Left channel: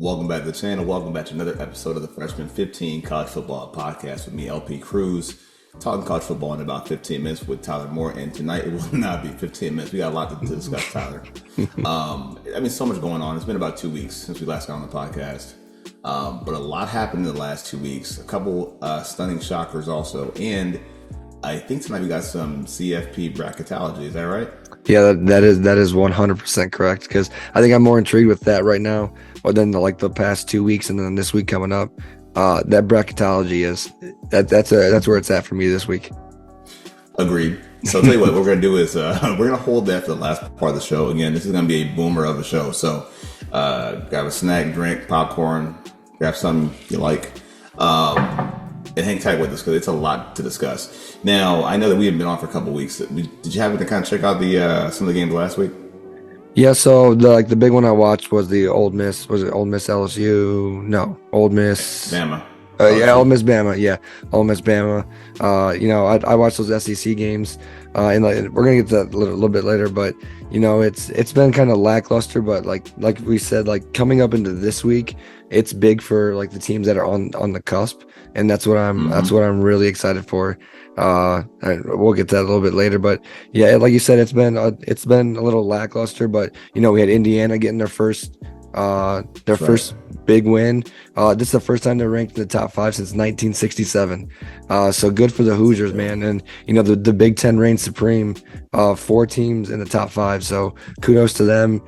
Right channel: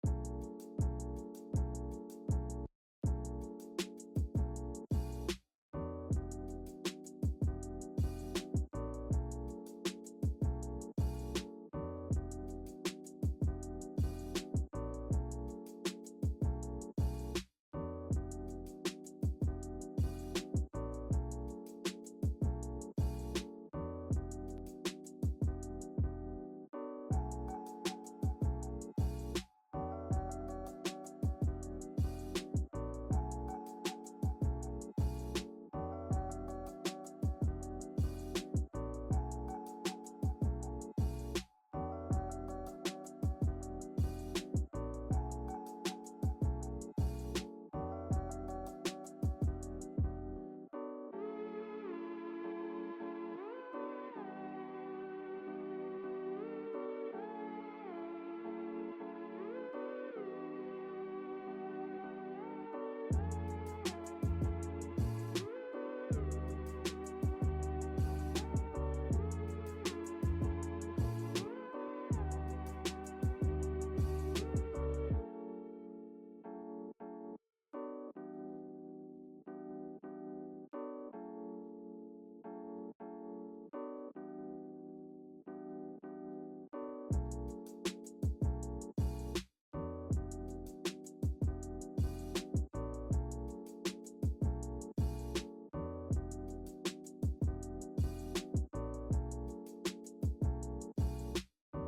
Welcome back to the channel. Welcome back to another episode of the Freshman 15 College Football Podcast with me, LP Cruz, talking college football in about 15 minutes with Tyler Moore. And tonight it will not be 15 minutes. We got a lot to discuss, Tyler. So much going on. It's been about 2 weeks since we last got on the podcast. But a lot happened in the last 2 weeks. A couple stunning shockers also. And I think tonight we got some CFP bracketology. Is that right? Yeah, that is 100% correct, because I think I'm more intrigued with that right now than the past 2 weeks and then this week coming up. That bracketology that's where it's at for me this week. Agreed. So I'll tell you what we're gonna do is we're gonna hold that for the last part of the show. Again, this is gonna be a boomer of a show. So grab a snack, drink, popcorn, grab something you like, and hang tight with us because it's a lot to discuss. Now, I know that we have been on for a couple of weeks. Did you happen to kind of check out the some of the games last week? Yeah, so the big one I watched was the Ole Miss. Was it Ole Miss LSU? No, Ole Miss Bama. Yeah, Ole Miss Bama. Yeah, Ole Miss Bama. I watched those SEC games, and we're gonna get to that a little bit later. But it's been kind of lackluster. But like we said, coming up into this week, it's big for the teams that are on the cusp, and that's what I'm really excited for. We'll get to that a little bit later, but yeah, like you said, it's been a little lackluster. But we had Indiana getting their first big win. This is the first time they're ranked in the top 5 since 1967. So good for the Hoosiers, man. And the Big Ten reigns supreme. 4 teams in the top 5. So kudos to them.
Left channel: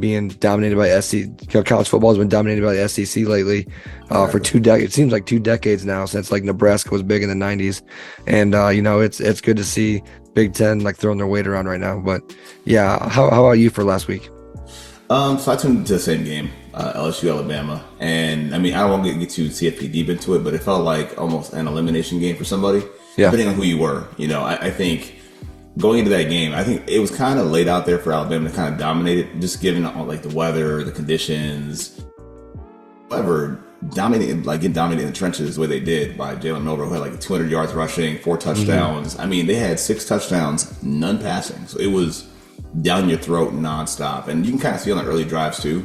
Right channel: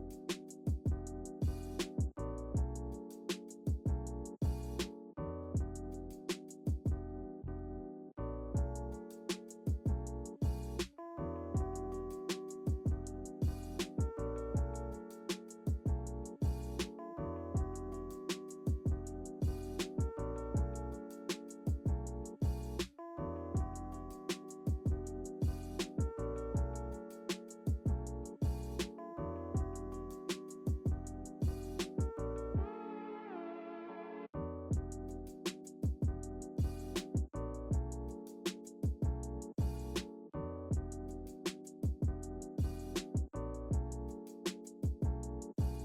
Being dominated by SEC. College football has been dominated by the SEC lately. For 2 decades, it seems like 2 decades now, since Nebraska was big in the 90s. And it's good to see Big Ten throwing their weight around right now. But yeah, how about you for last week? So I tuned into the same game, LSU Alabama, and I don't want to get too CFP deep into it, but it felt like almost an elimination game for somebody, depending on who you were. I think going into that game, I think it was kind of laid out there for Alabama to kind of dominate it, just given all the weather, the conditions, whatever. Getting dominated in the trenches the way they did by Jalen Milroe, who had 200 yards rushing, 4 touchdowns. Mm-hmm. They had 6 touchdowns, none passing. So it was down your throat nonstop. And you can kind of see on the early drives too,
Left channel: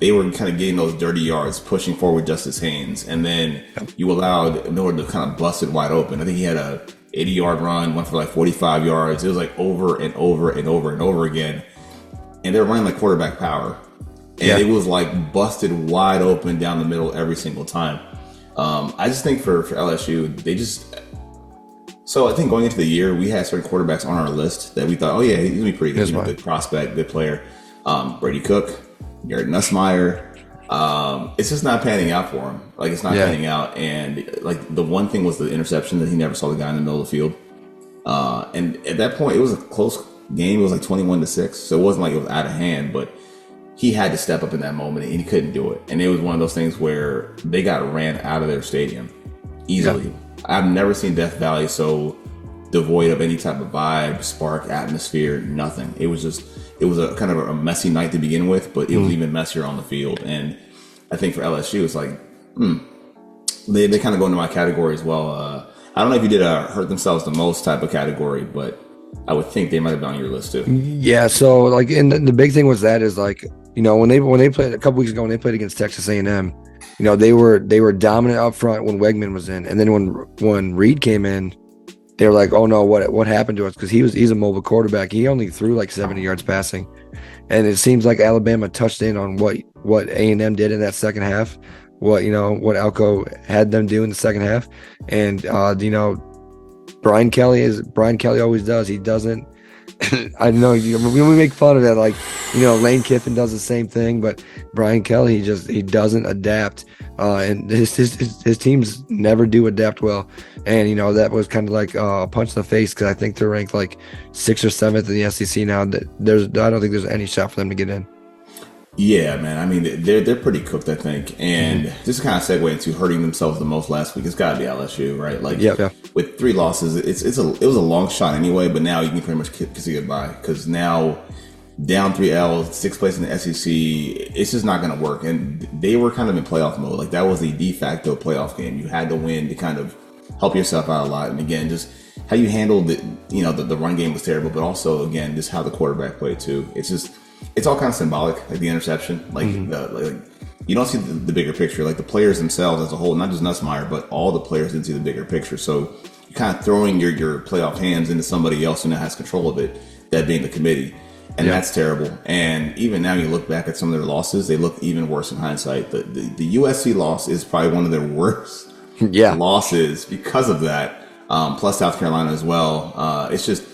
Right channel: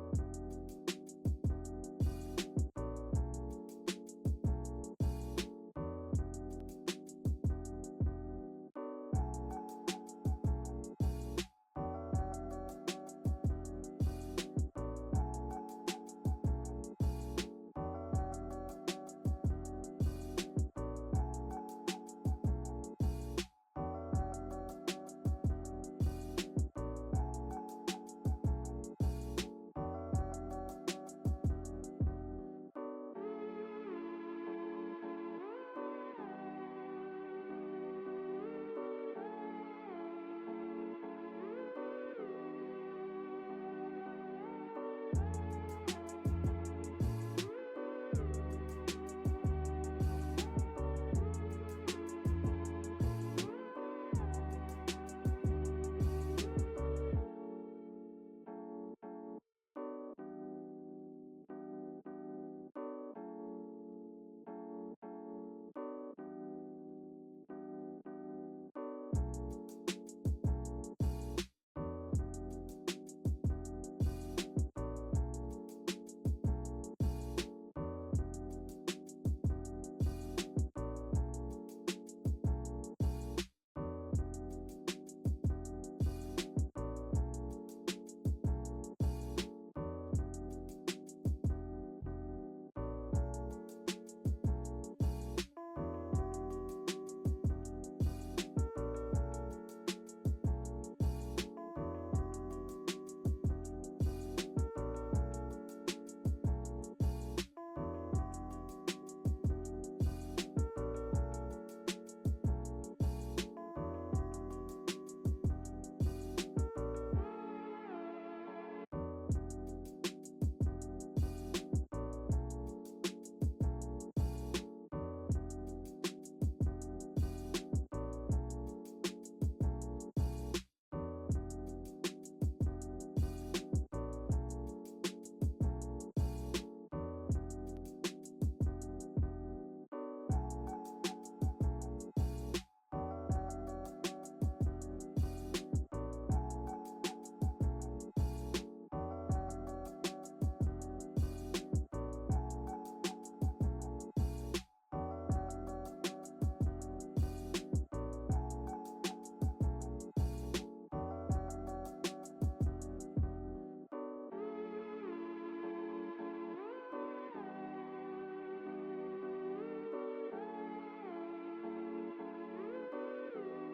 they were kind of getting those dirty yards, pushing forward Justice Haynes. And then you allowed Miller to kind of bust it wide open. I think he had a 80-yard run, went for 45 yards. It was over and over and over and over again. And they were running quarterback power. And it was busted wide open down the middle every single time. I just think for LSU, so I think going into the year, we had certain quarterbacks on our list that we thought, oh yeah, he's gonna be pretty good, good prospect, good player. Brady Cook, Garrett Nussmeier. It's just not panning out for him. It's not panning out. And the one thing was the interception that he never saw the guy in the middle of the field. And at that point, it was a close game. It was 21-6. So it wasn't it was out of hand, but he had to step up in that moment, and he couldn't do it. And it was one of those things where they got ran out of their stadium easily. Yeah. I've never seen Death Valley so devoid of any type of vibe, spark, atmosphere, nothing. It was a kind of a messy night to begin with, but it was even messier on the field. And I think for LSU, it's they kind of go into my category as well. I don't know if you did hurt themselves the most type of category, but I would think they might have been on your list too. Yeah, so and the big thing was that is when they played a couple weeks ago, when they played against Texas A&M, they were dominant up front when Wegman was in, and then when Reed came in, they were like, oh no, what happened to us? Because he's a mobile quarterback. He only threw 70 yards passing, and it seems like Alabama touched in on what A&M did in that second half, what Elko had them do in the second half, and Brian Kelly always does. He doesn't. I know we make fun of that, Lane Kiffin does the same thing, but Brian Kelly he doesn't adapt, and his teams never do adapt well. And that was kind of a punch in the face, because I think they're ranked 6th or 7th in the SEC now. I don't think there's any shot for them to get in. Yeah, man. They're pretty cooked, I think. And just to kind of segue into hurting themselves the most last week, it's got to be LSU, right? With 3 losses, it was a long shot anyway, but now you can pretty much kiss it goodbye, because now down 3 L's, 6th place in the SEC, it's just not going to work. And they were kind of in playoff mode. That was the de facto playoff game. You had to win to kind of help yourself out a lot. And again, just how you handled it, the run game was terrible, but also, again, just how the quarterback played too. It's just it's all kind of symbolic, like the interception. Like, like you don't see the bigger picture. Like the players themselves as a whole, not just Nussmeier, but all the players didn't see the bigger picture. So you're kind of throwing your playoff hands into somebody else who now has control of it, that being the committee. And that's terrible. And even now you look back at some of their losses, they look even worse in hindsight. The USC loss is probably one of their worst losses because of that. Plus South Carolina as well. It's just,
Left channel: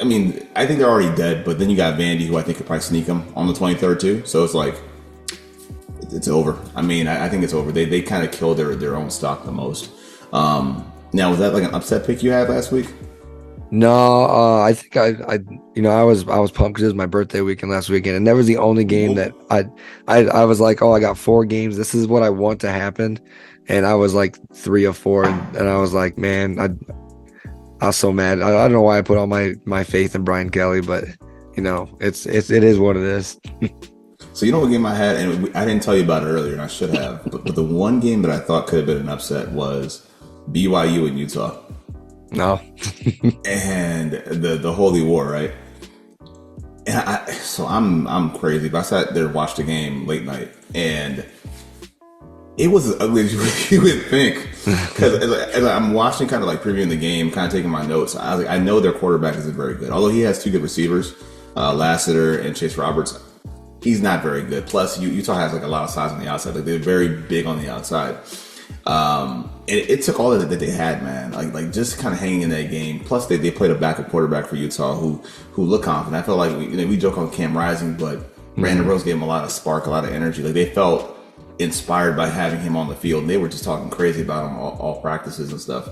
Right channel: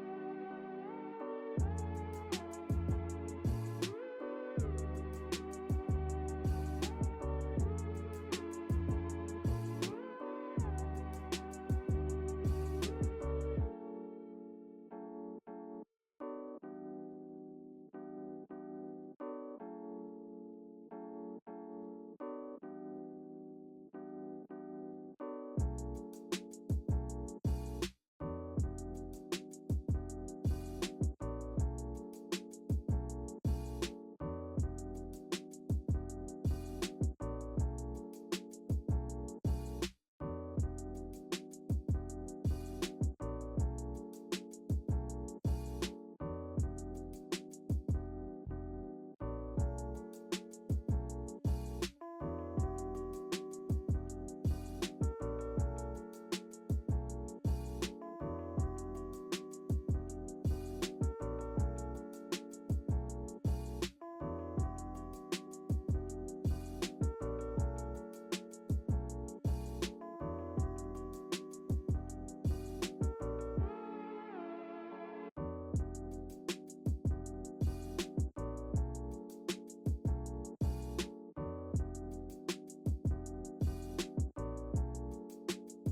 I mean, I think they're already dead, but then you got Vandy, who I think could probably sneak them on the 23rd too. So it's like, it's over. I mean, I think it's over. They kind of killed their own stock the most. Now, was that like an upset pick you had last week? No, I think I was pumped because it was my birthday weekend last weekend, and that was the only game that I was like, oh, I got 4 games. This is what I want to happen, and I was like 3 of 4, and I was like, man, I was so mad. I don't know why I put all my faith in Brian Kelly, but it is what it is. So you know what game I had, and I didn't tell you about it earlier, and I should have, but the one game that I thought could have been an upset was BYU and Utah. No. And the Holy War, right? And so I'm crazy, but I sat there, watched the game late night, and it was as ugly as you would think. Because as I'm watching, kind of like previewing the game, kind of taking my notes, I was like, I know their quarterback isn't very good. Although he has 2 good receivers, Lassiter and Chase Roberts, he's not very good. Plus, Utah has like a lot of size on the outside. Like they're very big on the outside. And it took all that they had, man. Like just kind of hanging in that game. Plus, they played a backup quarterback for Utah who looked confident. I felt like we joke on Cam Rising, but Brandon Rose gave him a lot of spark, a lot of energy. Like they felt inspired by having him on the field. And they were just talking crazy about him all practices and stuff.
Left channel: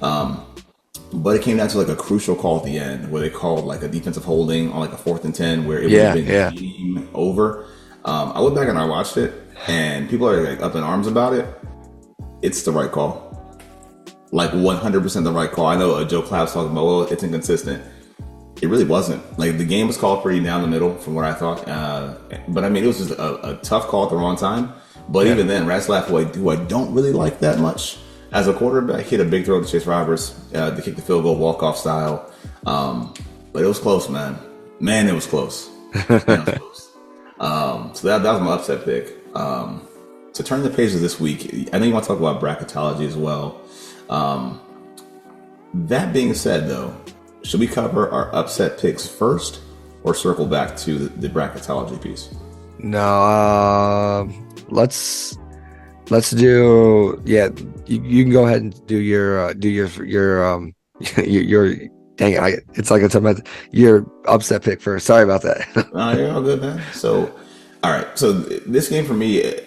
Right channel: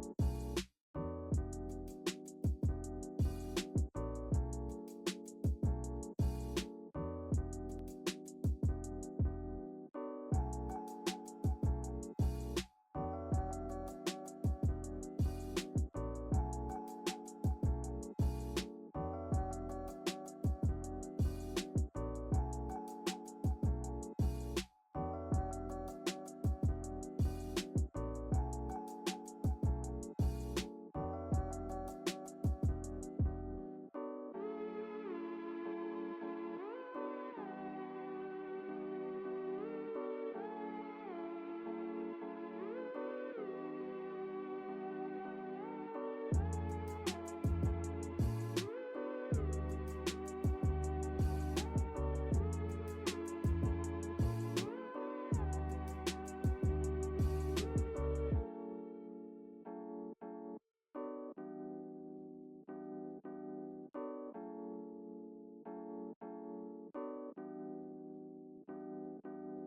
But it came down to like a crucial call at the end where they called like a defensive holding on like a 4th and 10 where it would have been game over. I went back and I watched it, and people are like up in arms about it. It's the right call. Like 100% the right call. I know Joe Clapp's talking about, well, it's inconsistent. It really wasn't. Like the game was called pretty down the middle from what I thought. But I mean, it was just a tough call at the wrong time. But even then, Ratzlaff, who I don't really like that much as a quarterback, hit a big throw to Chase Roberts to kick the field goal walk-off style. But it was close, man. Man, it was close. Man, it was close. So that was my upset pick. To turn the page of this week, I know you want to talk about bracketology as well. That being said, though, should we cover our upset picks first or circle back to the bracketology piece? No, let's do. Yeah, you can go ahead and do your dang it! It's like it's about your upset pick first. Sorry about that. You're all good, man. So, all right. So this game for me,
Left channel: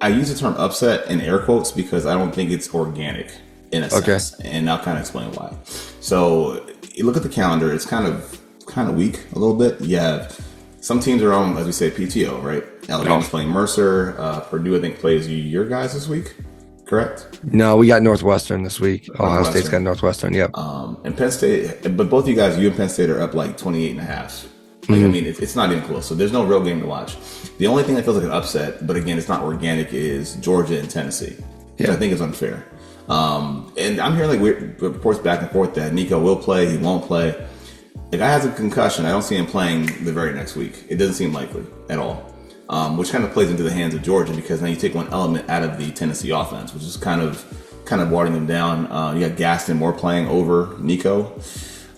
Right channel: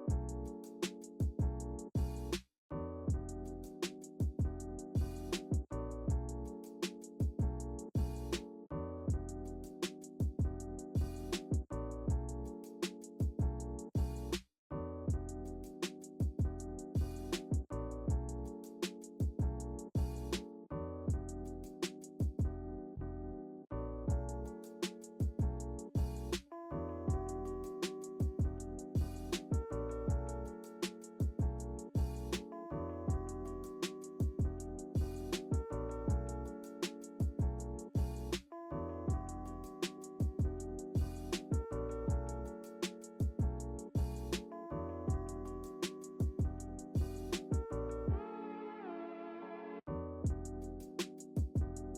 I use the term upset in air quotes because I don't think it's organic in a sense, and I'll kind of explain why. So you look at the calendar; it's kind of weak a little bit. You have some teams are on, as we say, PTO, right? Alabama's playing Mercer. Purdue, I think, plays your guys this week, correct? No, we got Northwestern this week. Ohio State's got Northwestern, yep. And Penn State, but both of you guys, you and Penn State are up like 28.5. Like, I mean, it's not even close. So there's no real game to watch. The only thing that feels like an upset, but again, it's not organic, is Georgia and Tennessee, which I think is unfair. And I'm hearing like weird reports back and forth that Nico will play, he won't play. The guy has a concussion. I don't see him playing the very next week. It doesn't seem likely at all, which kind of plays into the hands of Georgia because now you take one element out of the Tennessee offense, which is kind of watering them down. You got Gaston Moore playing over Nico.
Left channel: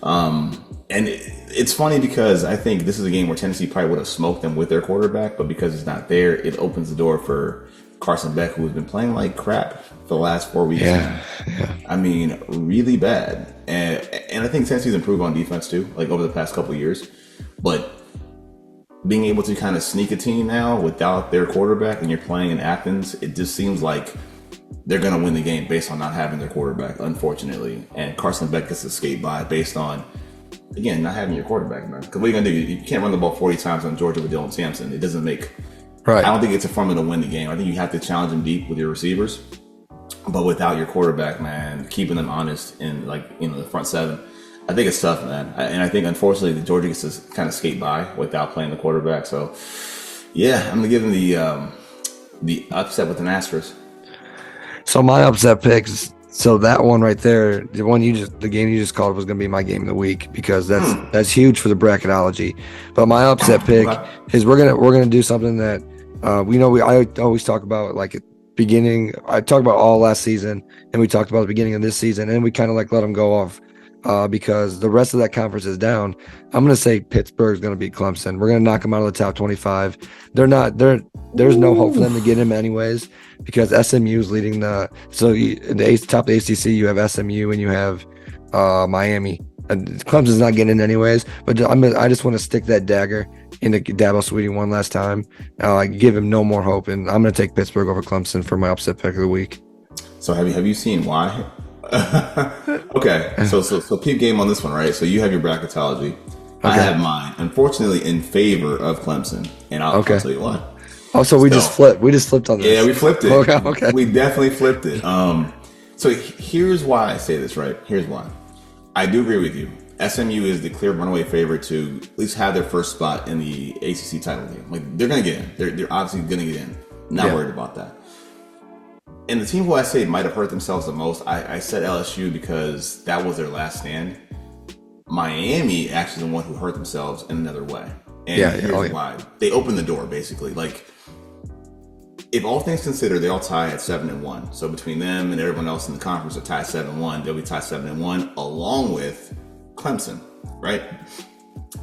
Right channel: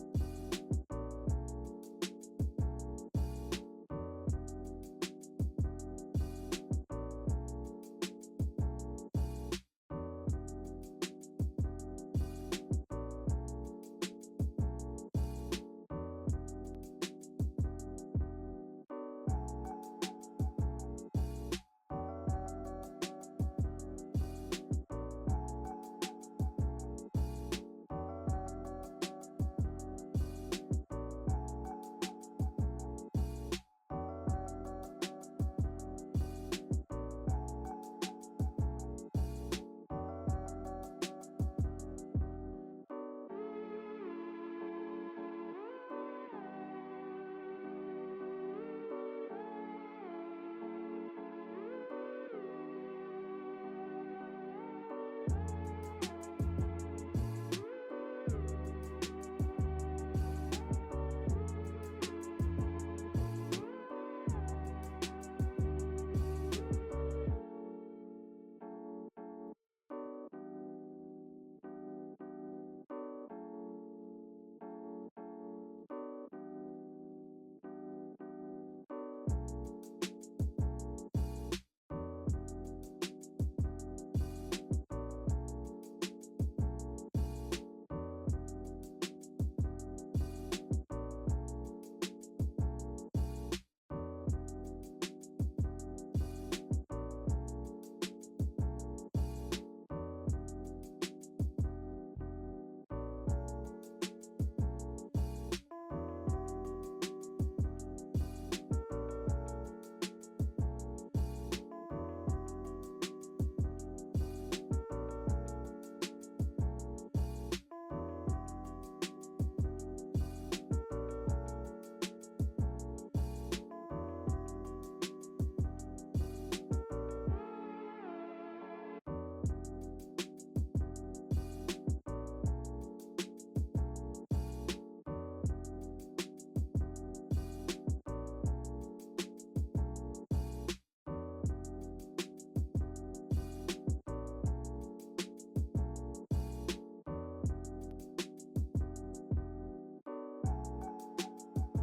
And it's funny because I think this is a game where Tennessee probably would have smoked them with their quarterback, but because it's not there, it opens the door for Carson Beck, who has been playing like crap for the last 4 weeks. Yeah. I mean, really bad. And I think Tennessee's improved on defense too, like over the past couple of years. But being able to kind of sneak a team now without their quarterback and you're playing in Athens, it just seems like they're going to win the game based on not having their quarterback, unfortunately. And Carson Beck gets to skate by based on, again, not having your quarterback, man. Because what are you going to do? You can't run the ball 40 times on Georgia with Dylan Sampson. It doesn't make... Right. I don't think it's a formula to win the game. I think you have to challenge them deep with your receivers. But without your quarterback, man, keeping them honest in the front seven, I think it's tough, man. And I think, unfortunately, the Georgia gets to kind of skate by without playing the quarterback. So, yeah, I'm going to give them the upset with an asterisk. So my upset picks, So that one right there, the game you just called was going to be my game of the week because that's huge for the bracketology. But my upset pick is we're gonna do something that I always talk about like at beginning. I talked about all last season, and we talked about the beginning of this season, and we kind of like let them go off because the rest of that conference is down. I'm gonna say Pittsburgh's gonna beat Clemson. We're gonna knock them out of the top 25. There's no hope for them to get him anyways. Because SMU is leading top of the ACC, you have SMU and you have Miami. And Clemson's not getting in anyways, but I just want to stick that dagger into Dabo Swinney one last time. Give him no more hope, and I'm going to take Pittsburgh over Clemson for my upset pick of the week. So have you seen why? Okay, so peep game on this one, right? So you have your bracketology. Okay. I have mine, unfortunately, in favor of Clemson, and I'll tell you why. Oh, so we just flipped. We just flipped on this. Yeah, we flipped it. Okay. We definitely flipped it. So here's why I say this, right? Here's why. I do agree with you. SMU is the clear runaway favorite to at least have their first spot in the ACC title game. Like, they're going to get in. They're obviously going to get in. Not worried about that. And the team who I say might have hurt themselves the most, I said LSU because that was their last stand. Miami actually the one who hurt themselves in another way. And here's why. They opened the door, basically. Like, if all things considered, they all tie at 7-1. So between them and everyone else in the conference are tied 7-1. They'll be tied 7-1 along with Clemson, right?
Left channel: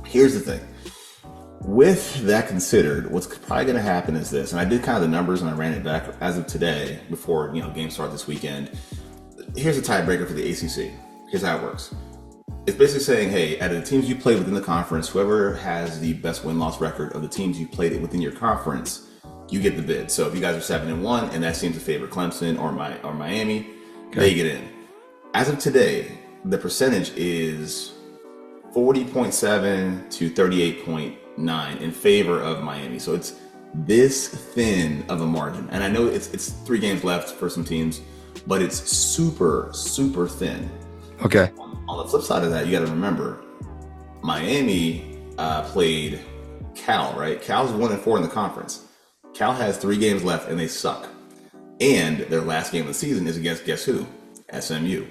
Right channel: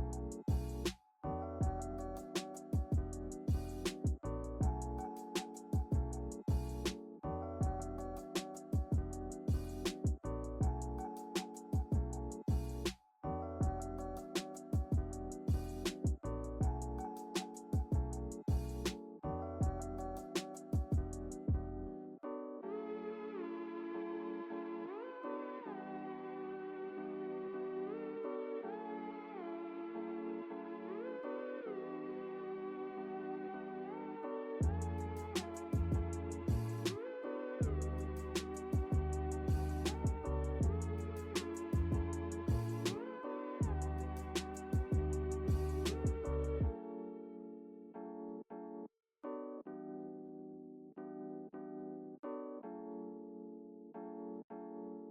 Here's the thing. With that considered, what's probably going to happen is this, and I did kind of the numbers and I ran it back as of today before games start this weekend. Here's a tiebreaker for the ACC. Here's how it works. It's basically saying, hey, out of the teams you played within the conference, whoever has the best win-loss record of the teams you played within your conference, you get the bid. So if you guys are 7-1 and that seems to favor Clemson or Miami, they get in. As of today, the percentage is 40.7 to 38.9 in favor of Miami. So it's this thin of a margin. And I know it's 3 games left for some teams, but it's super, super thin. Okay. On the flip side of that, you got to remember, Miami played Cal, right? Cal's 1-4 in the conference. Cal has 3 games left and they suck. And their last game of the season is against guess who? SMU,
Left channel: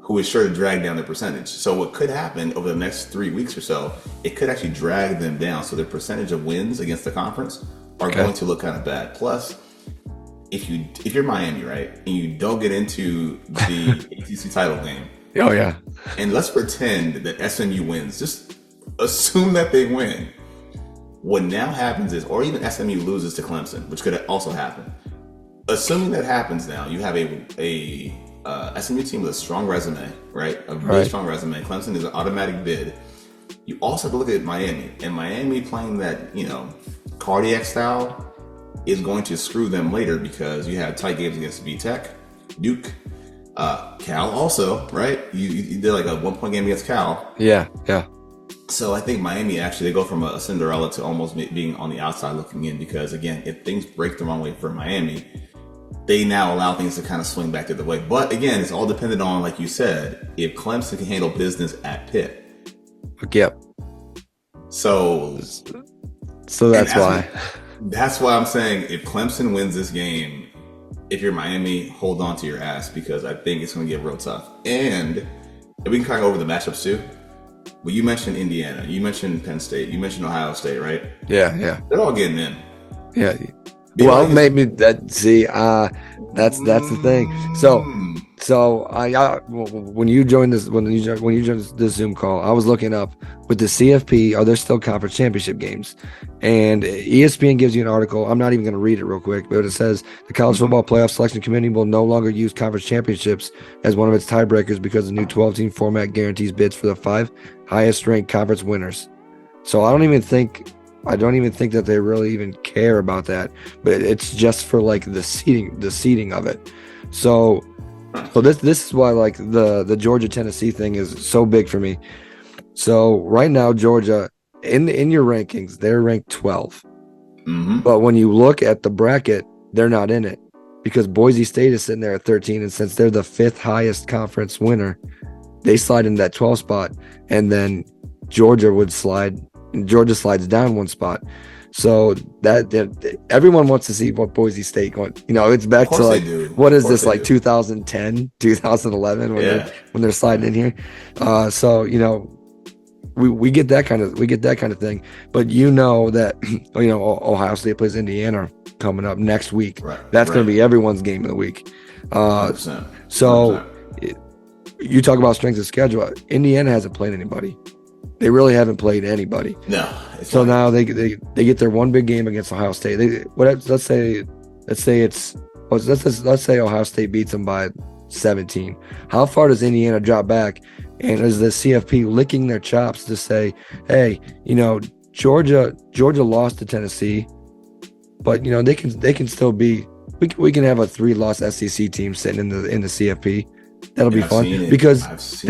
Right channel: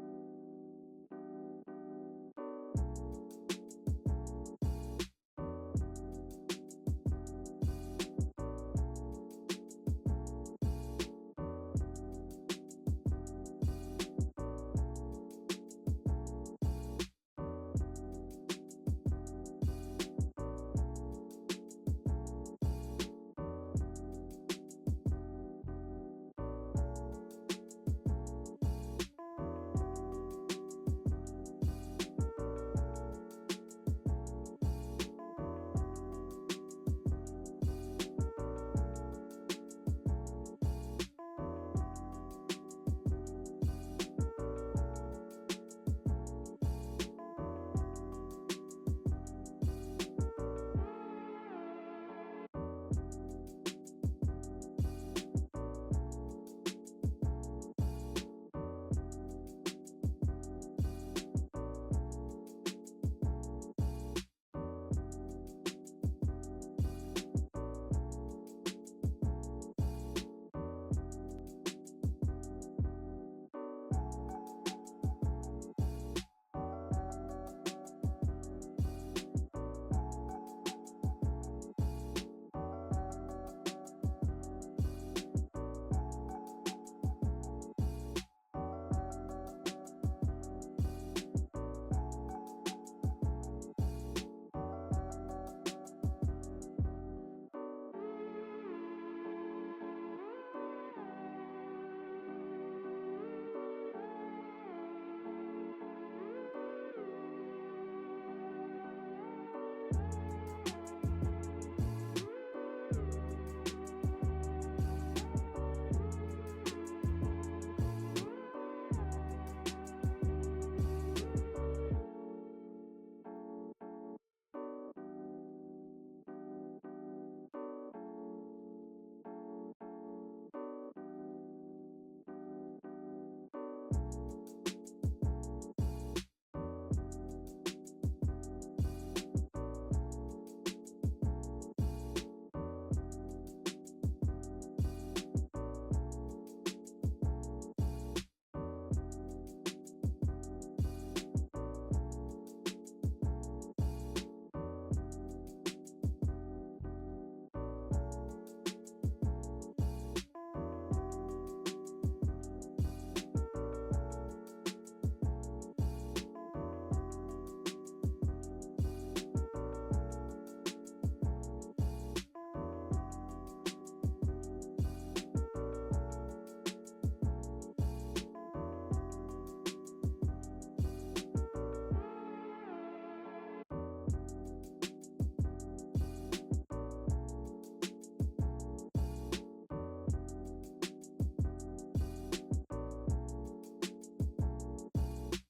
who is sure to drag down their percentage. So what could happen over the next 3 weeks or so, it could actually drag them down. So their percentage of wins against the conference are going to look kind of bad. Plus, if you're Miami, right, and you don't get into the ACC title game, and let's pretend that SMU wins, just assume that they win. What now happens is, or even SMU loses to Clemson, which could also happen. Assuming that happens now, you have a SMU team with a strong resume, right? A very strong resume. Clemson is an automatic bid. You also have to look at Miami, and Miami playing that, cardiac style is going to screw them later because you have tight games against VTech, Duke, Cal also, right? You did like a 1-point game against Cal. Yeah. So I think Miami actually, they go from a Cinderella to almost being on the outside looking in because, again, if things break the wrong way for Miami, they now allow things to kind of swing back the other way. But again, it's all dependent on, like you said, if Clemson can handle business at Pitt. Yep. So that's why. That's why I'm saying if Clemson wins this game, if you're Miami, hold on to your ass because I think it's going to get real tough. And if we can kind of go over the matchups too. Well, you mentioned Indiana, you mentioned Penn State, you mentioned Ohio State, right? Yeah. They're all getting in. Yeah. Well, maybe that's the thing. So when you joined this Zoom call, I was looking up with the CFP, are there still conference championship games? And ESPN gives you an article. I'm not even going to read it real quick, but it says the College Football Playoff Selection Committee will no longer use conference championships as one of its tiebreakers because the new 12-team format guarantees bids for the 5 highest-ranked conference winners. So I don't even think that they really even care about that, but it's just for like the seeding of it. So this is why like the Georgia Tennessee thing is so big for me. So right now Georgia in your rankings they're ranked 12, but when you look at the bracket they're not in it because Boise State is sitting there at 13, and since they're the 5th highest conference winner, they slide into that 12 spot, and then Georgia slides down 1 spot. So that everyone wants to see what Boise State want. It's back to like, what is this, like 2010, 2011 when they're sliding in here. So we get that kind of thing. But that Ohio State plays Indiana coming up next week. Right. That's going to be everyone's game of the week. 100%. So you talk about strength of schedule. Indiana hasn't played anybody. They really haven't played anybody. No. So now they get their one big game against Ohio State. Let's say Ohio State beats them by 17. How far does Indiana drop back? And is the CFP licking their chops to say, hey, Georgia lost to Tennessee, but they can still be. We can have a 3-loss SEC team sitting in the CFP. That'll be fun because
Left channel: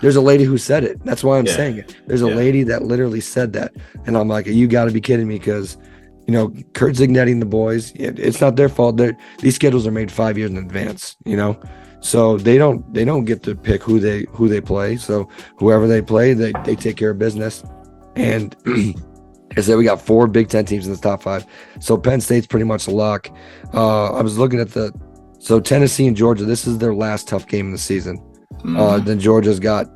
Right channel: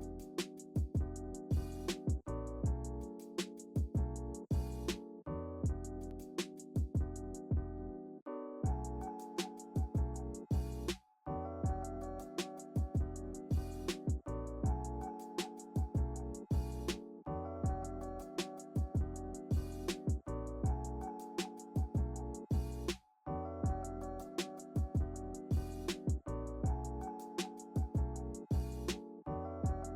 there's a lady who said it. That's why I'm saying it. There's a lady that literally said that. And I'm like, you got to be kidding me, because, Kurt Zignetti and the boys, it's not their fault. These schedules are made 5 years in advance, So they don't get to pick who they play. So whoever they play, they take care of business. And I said we got 4 Big Ten teams in the top 5. So Penn State's pretty much a lock. I was looking at so Tennessee and Georgia, this is their last tough game of the season. Then Georgia's got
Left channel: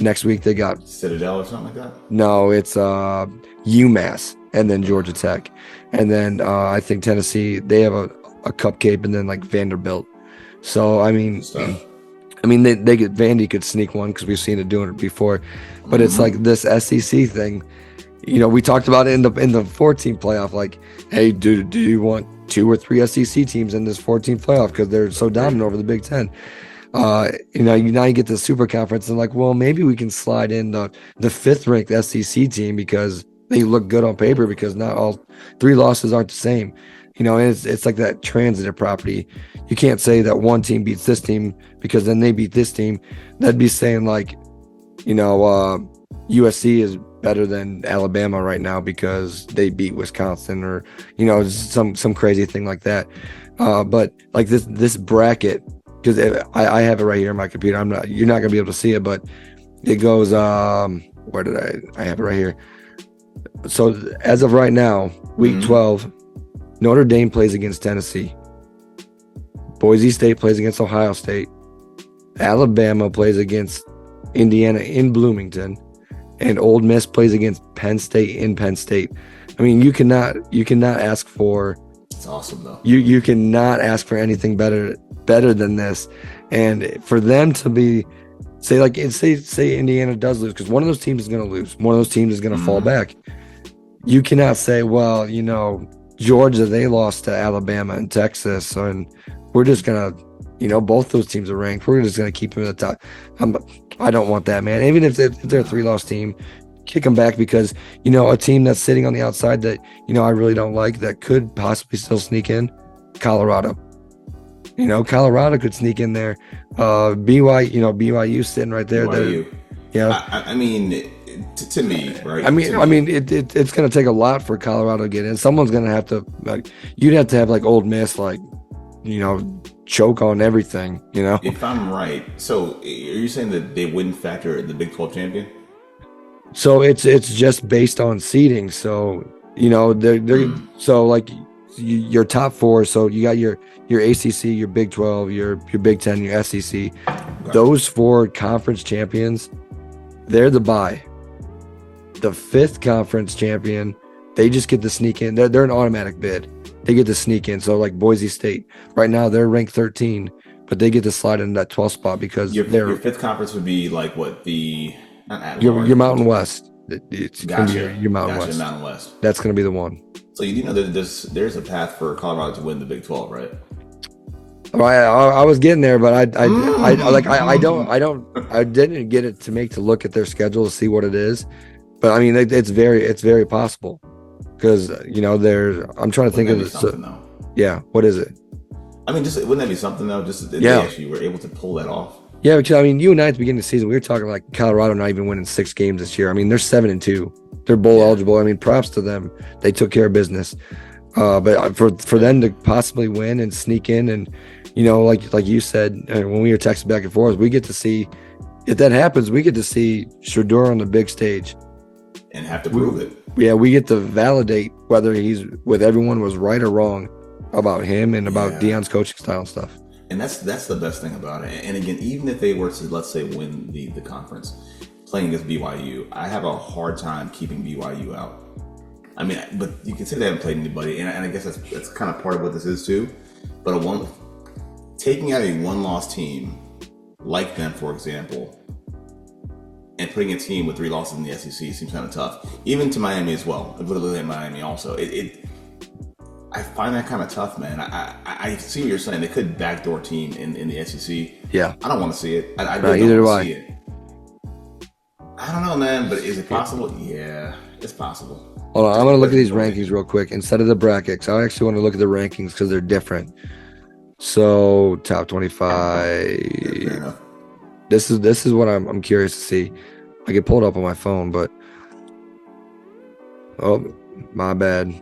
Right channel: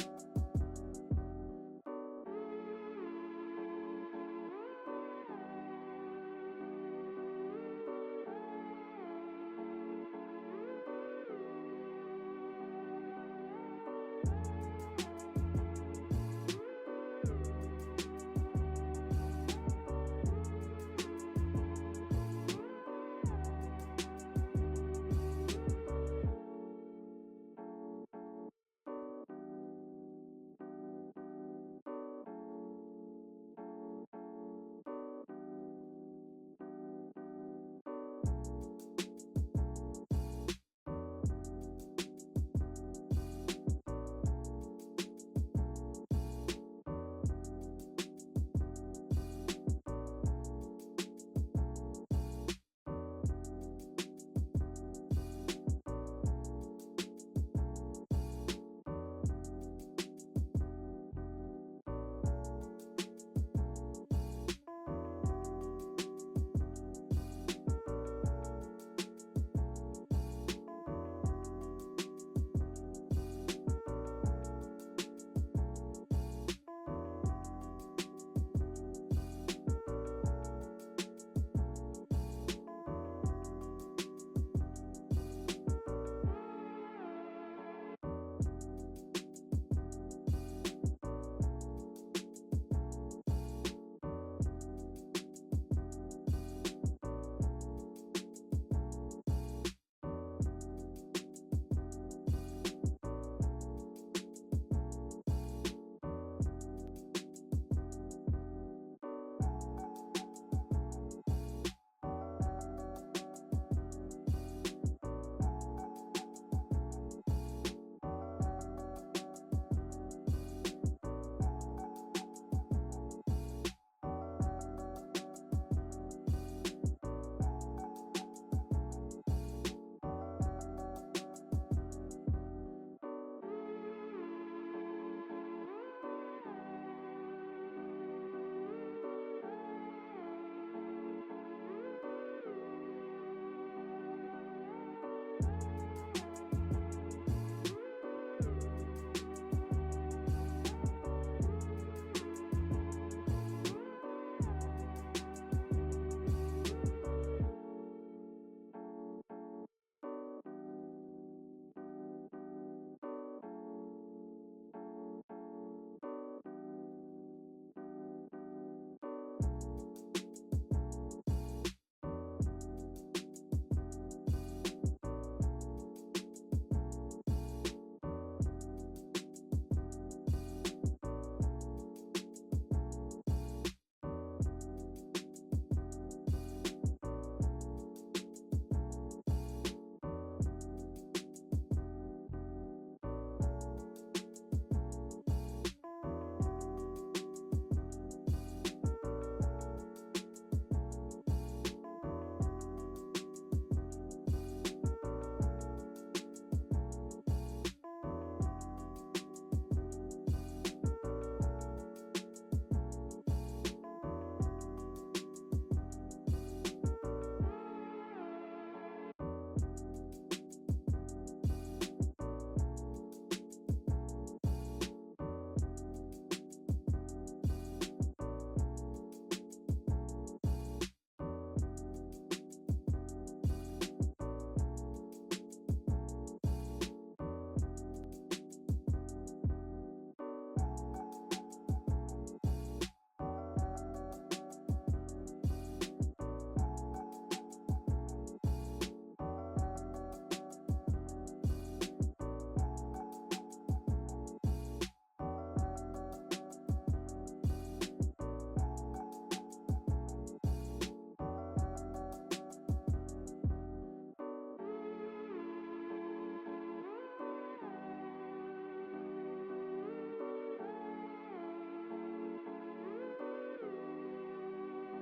next week. They got Citadel or something like that. No, it's UMass and then Georgia Tech, and then I think Tennessee, they have a cupcake, and then like Vanderbilt. So I mean they get Vandy could sneak one because we've seen it doing it before, but it's like this SEC thing. We talked about it in the 14 playoff. Like, hey, do you want 2 or 3 SEC teams in this 14 playoff because they're so dominant over the Big Ten? Now you get the super conference and like, well, maybe we can slide in the 5th ranked SEC team because they look good on paper, because not all 3 losses aren't the same. And it's like that transitive property. You can't say that one team beats this team because then they beat this team. That'd be saying like, USC is better than Alabama right now because they beat Wisconsin, or some crazy thing like that. But like this bracket, because I have it right here on my computer. You're not gonna be able to see it, but it goes. Where did I have it right here? So as of right now, week 12, Notre Dame plays against Tennessee. Boise State plays against Ohio State. Alabama plays against Indiana in Bloomington, and Ole Miss plays against Penn State in Penn State. I mean, you cannot ask for. It's awesome though. You cannot ask for anything better than this, and for them to be say Indiana does lose, because one of those teams is going to lose. One of those teams is going to fall back. You cannot say, well, Georgia, they lost to Alabama and Texas, and we're just gonna, both those teams are ranked. We're just gonna keep them at the top. I don't want that, man. Even if they're a 3-loss team, kick them back, because a team that's sitting on the outside that I really don't like, that could possibly still sneak in, Colorado. Colorado could sneak in there. BYU sitting right there. BYU. I mean, to me, right? I mean, it's going to take a lot for Colorado to get in. Someone's going to have to, you'd have to have like Ole Miss, choke on everything. If I'm right, so are you saying that they wouldn't factor the Big 12 champion? So it's just based on seeding. So they're so like your top 4. So you got your ACC, your Big 12, your Big 10, your SEC. Okay. Those 4 conference champions, they're the bye. The 5th conference champion, they just get to sneak in. They're an automatic bid. They get to sneak in. So like Boise State, right now they're ranked 13, but they get to slide in that 12th spot because your 5th conference would be like what, your Mountain West. It's gotcha. Gonna be your Mountain West. Mountain West. That's going to be the one. So there's a path for Colorado to win the Big 12, right? I was getting there, but I didn't get it to look at their schedule to see what it is. But I mean, it's very possible, because I'm trying to think of it. Yeah, what is it? I mean, wouldn't that be something though? Just they actually were able to pull that off. Yeah, because I mean, you and I at the beginning of the season, we were talking like Colorado not even winning 6 games this year. I mean, they're 7-2. They're bowl eligible. I mean, props to them. They took care of business. But for them to possibly win and sneak in, and like you said, when we were texting back and forth, we get to see, if that happens, we get to see Showdown on the big stage. And have to prove it. we get to validate whether everyone was right or wrong about him and about Deion's coaching style and stuff. And that's the best thing about it. And again, even if they were to, let's say, win the conference, playing against BYU, I have a hard time keeping BYU out. I mean, but you can say they haven't played anybody, and I guess that's kind of part of what this is too. But taking out a one-loss team like them, for example, and putting a team with 3 losses in the SEC seems kind of tough. Even to Miami as well. Literally Miami also. I find that kind of tough, man. I see what you're saying. They could backdoor team in the SEC. Yeah. I don't want to see it. I really don't do want to see it. I don't know, man, but is it possible? Yeah, it's possible. Hold on, I'm going to look at these rankings real quick instead of the brackets. I actually want to look at the rankings because they're different. So, top 25. This is what I'm curious to see. I can pull it up on my phone, but oh, my bad.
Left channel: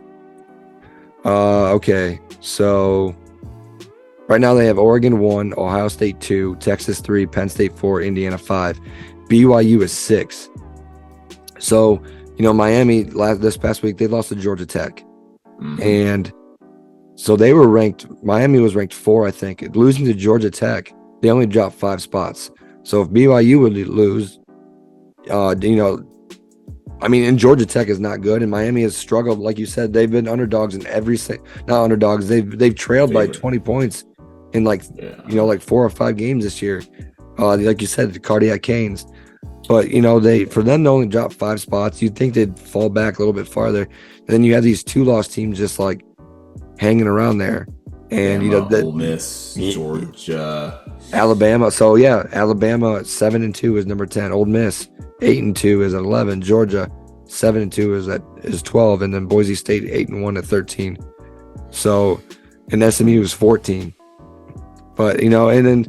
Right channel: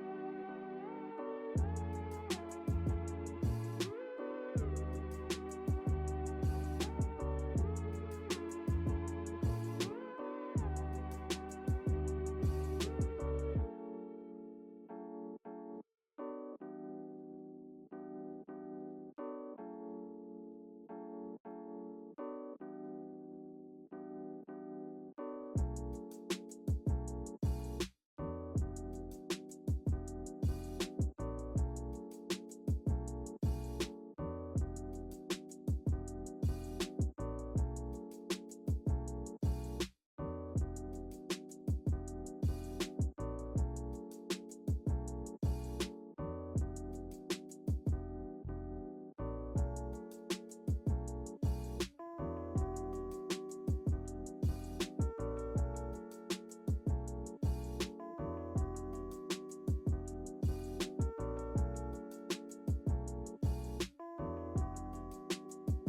Okay, so right now they have Oregon 1, Ohio State 2, Texas 3, Penn State 4, Indiana 5. BYU is 6. So, Miami this past week, they lost to Georgia Tech. Mm-hmm. And so they were Miami was ranked 4, I think. Losing to Georgia Tech, they only dropped 5 spots. So if BYU would lose, and Georgia Tech is not good, and Miami has struggled. Like you said, they've been underdogs in not underdogs. They've trailed by 20 points in 4 or 5 games this year. Like you said, the Cardiac Canes. But for them to only drop 5 spots, you'd think they'd fall back a little bit farther. And then you have these 2-loss teams just like hanging around there, and Ole Miss, Georgia, Alabama. So yeah, Alabama 7-2 is number 10. Ole Miss 8-2 is at 11. Georgia 7-2 is 12, and then Boise State 8-1 at 13. So, and SMU is 14. But and then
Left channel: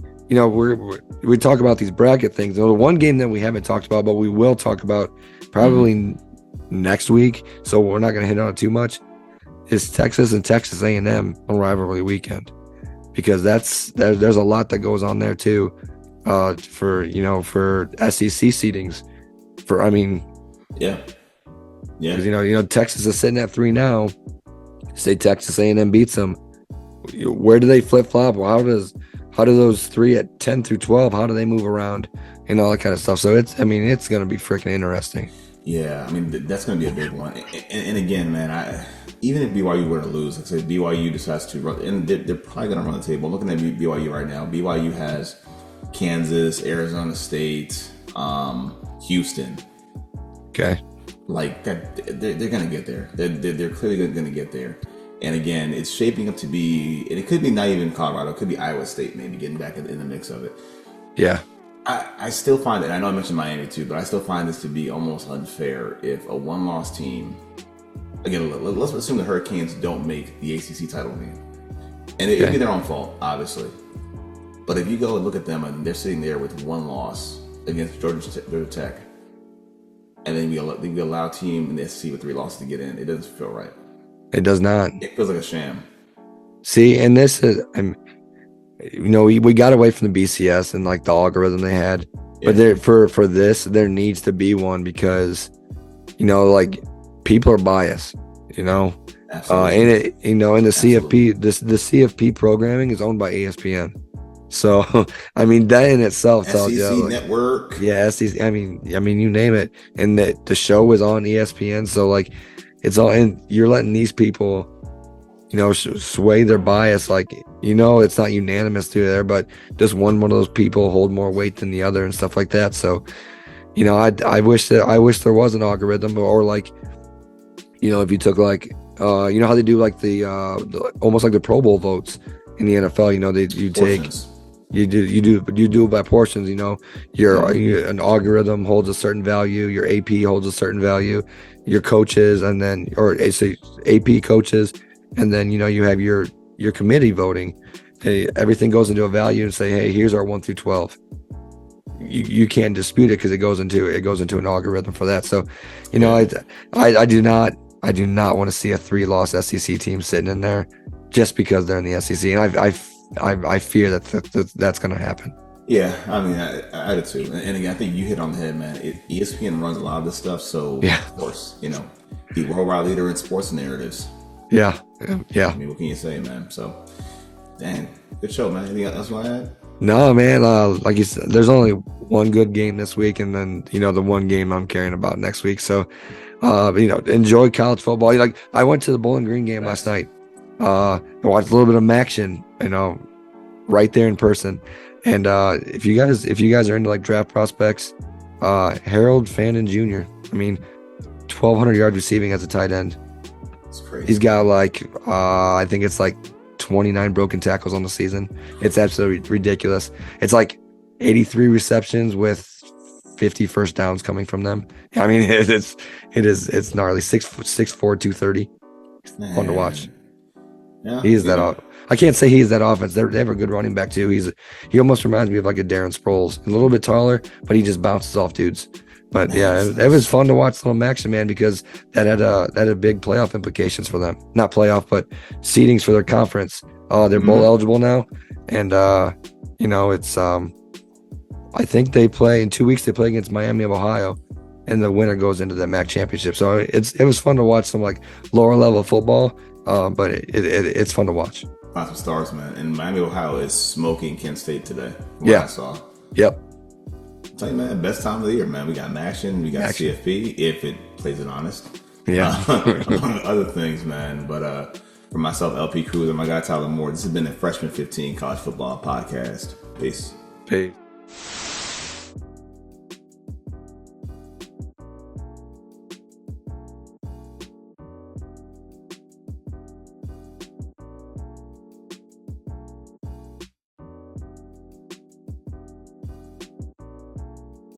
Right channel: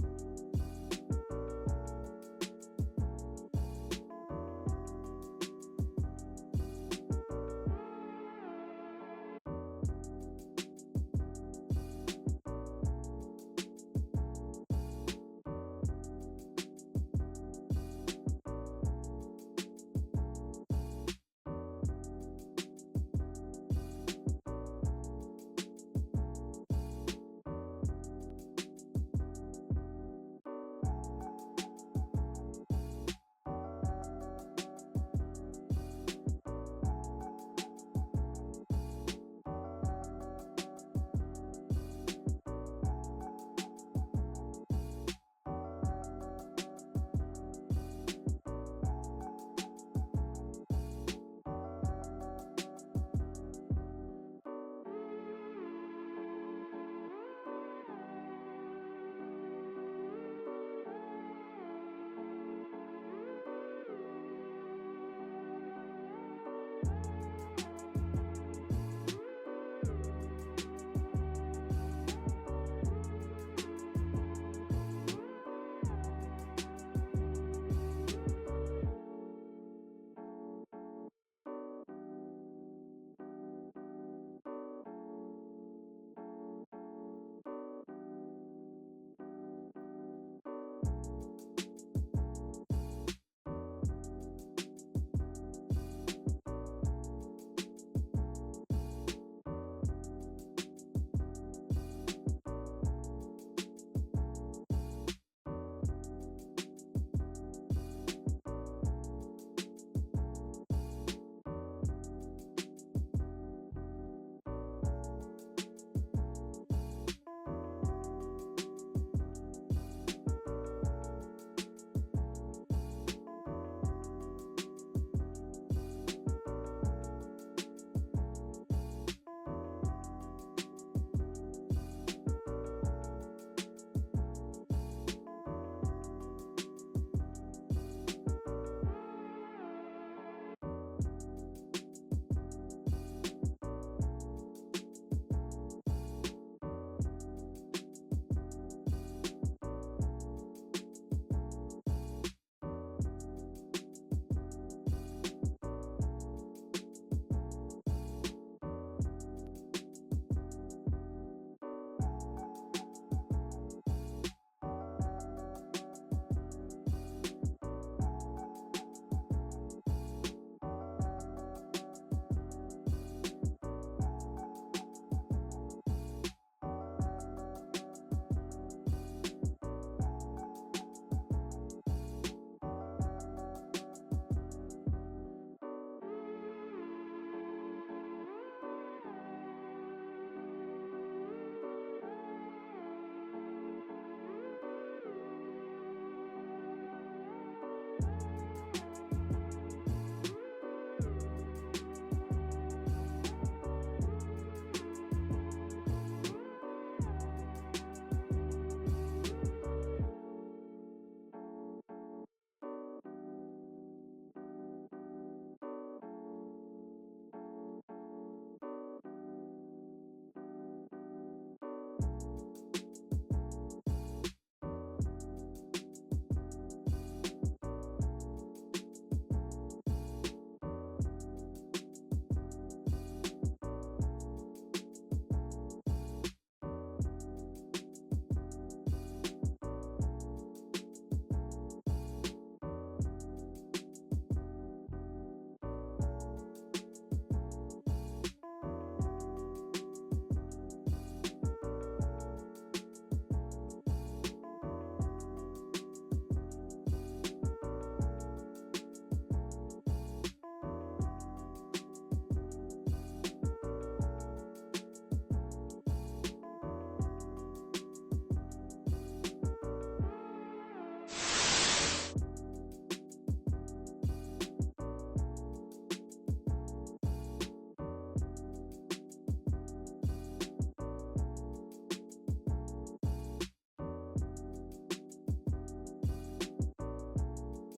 we talk about these bracket things. The one game that we haven't talked about, but we will talk about probably next week, so we're not going to hit on it too much, is Texas and Texas A&M on rivalry weekend, because there's a lot that goes on there too, for SEC seedings. Because Texas is sitting at 3 now. Say Texas A&M beats them, where do they flip flop? How do those 3 at 10 through 12? How do they move around and all that kind of stuff? So it's going to be freaking interesting. Yeah, that's going to be a big one. And again, man, even if BYU were to lose, let's say BYU decides to run, and they're probably going to run the table. I'm looking at BYU right now. BYU has Kansas, Arizona State, Houston. Okay. Like that, they're going to get there. They're clearly going to get there. And again, it's shaping up to be, and it could be not even Colorado, it could be Iowa State maybe getting back in the mix of it. Yeah. I still find it, I know I mentioned Miami too, but I still find this to be almost unfair if a one-loss team, again, let's assume the Hurricanes don't make the ACC title game. And it'd be their own fault, obviously. But if you go and look at them and they're sitting there with 1 loss against Georgia Tech, and then you allow a team in the SEC with 3 losses to get in, it doesn't feel right. It does not. It feels like a sham. See, and this is, we got away from the BCS and like the algorithm they had, but for this, there needs to be one, because, people are biased, Absolutely. and it, and the CFP, the CFP programming is owned by ESPN. So, that in itself tells you. SEC Network. Yeah, SEC. You name it, and the show is on ESPN. So it's all, and you're letting these people, sway their bias. It's not unanimous to there, but just one of those people hold more weight than the other and stuff like that. So, I wish there was an algorithm, or if you took how they do the almost like the Pro Bowl votes in the NFL. You do it by portions. An algorithm holds a certain value, your AP holds a certain value, your coaches, and then AP coaches, and then you have your committee voting. Hey, everything goes into a value and say, hey, here's our 1 through 12. You can't dispute it because it goes into an algorithm for that. So, I do not want to see a 3-loss SEC team sitting in there just because they're in the SEC, and I fear that's going to happen. Yeah, I mean, I do too. And again, I think you hit on the head, man. ESPN runs a lot of this stuff, so Yeah. of course, the worldwide leader in sports narratives. Yeah. I mean, what can you say, man? So, dang, good show, man. Anything else you want to add? No, man. Like you said, there's only one good game this week, and then the one game I'm caring about next week. So, enjoy college football. Like I went to the Bowling Green game last night. I watched a little bit of action, right there in person. And if you guys are into like draft prospects, Harold Fannin Jr. I mean, 1,200 yards receiving as a tight end. That's crazy. He's got like I think it's like 29 broken tackles on the season. It's absolutely ridiculous. It's like 83 receptions with 50 first downs coming from them. I mean, it's gnarly. 6'4", 230. Man. Fun to watch. Yeah, He is that. I can't say he's that offense. They have a good running back too. He almost reminds me of like a Darren Sproles, a little bit taller, but he just bounces off dudes. But yeah, it was fun to watch some action, man, because that had big playoff implications for them. Not playoff, but seedings for their conference. They're bowl eligible now, and it's I think they play in 2 weeks. They play against Miami of Ohio, and the winner goes into the MAC championship. So it was fun to watch some like lower level football, but it's fun to watch. Lots of stars, man. And Miami, Ohio is smoking Kent State today. Yeah. I saw. Yep. I'll tell you, man, best time of the year, man. We got action. We got CFP, if it plays it honest. Yeah. Among other things, man. But for myself, LP Cruz, and my guy Tyler Moore, this has been the Freshman 15 College Football Podcast. Peace. Peace.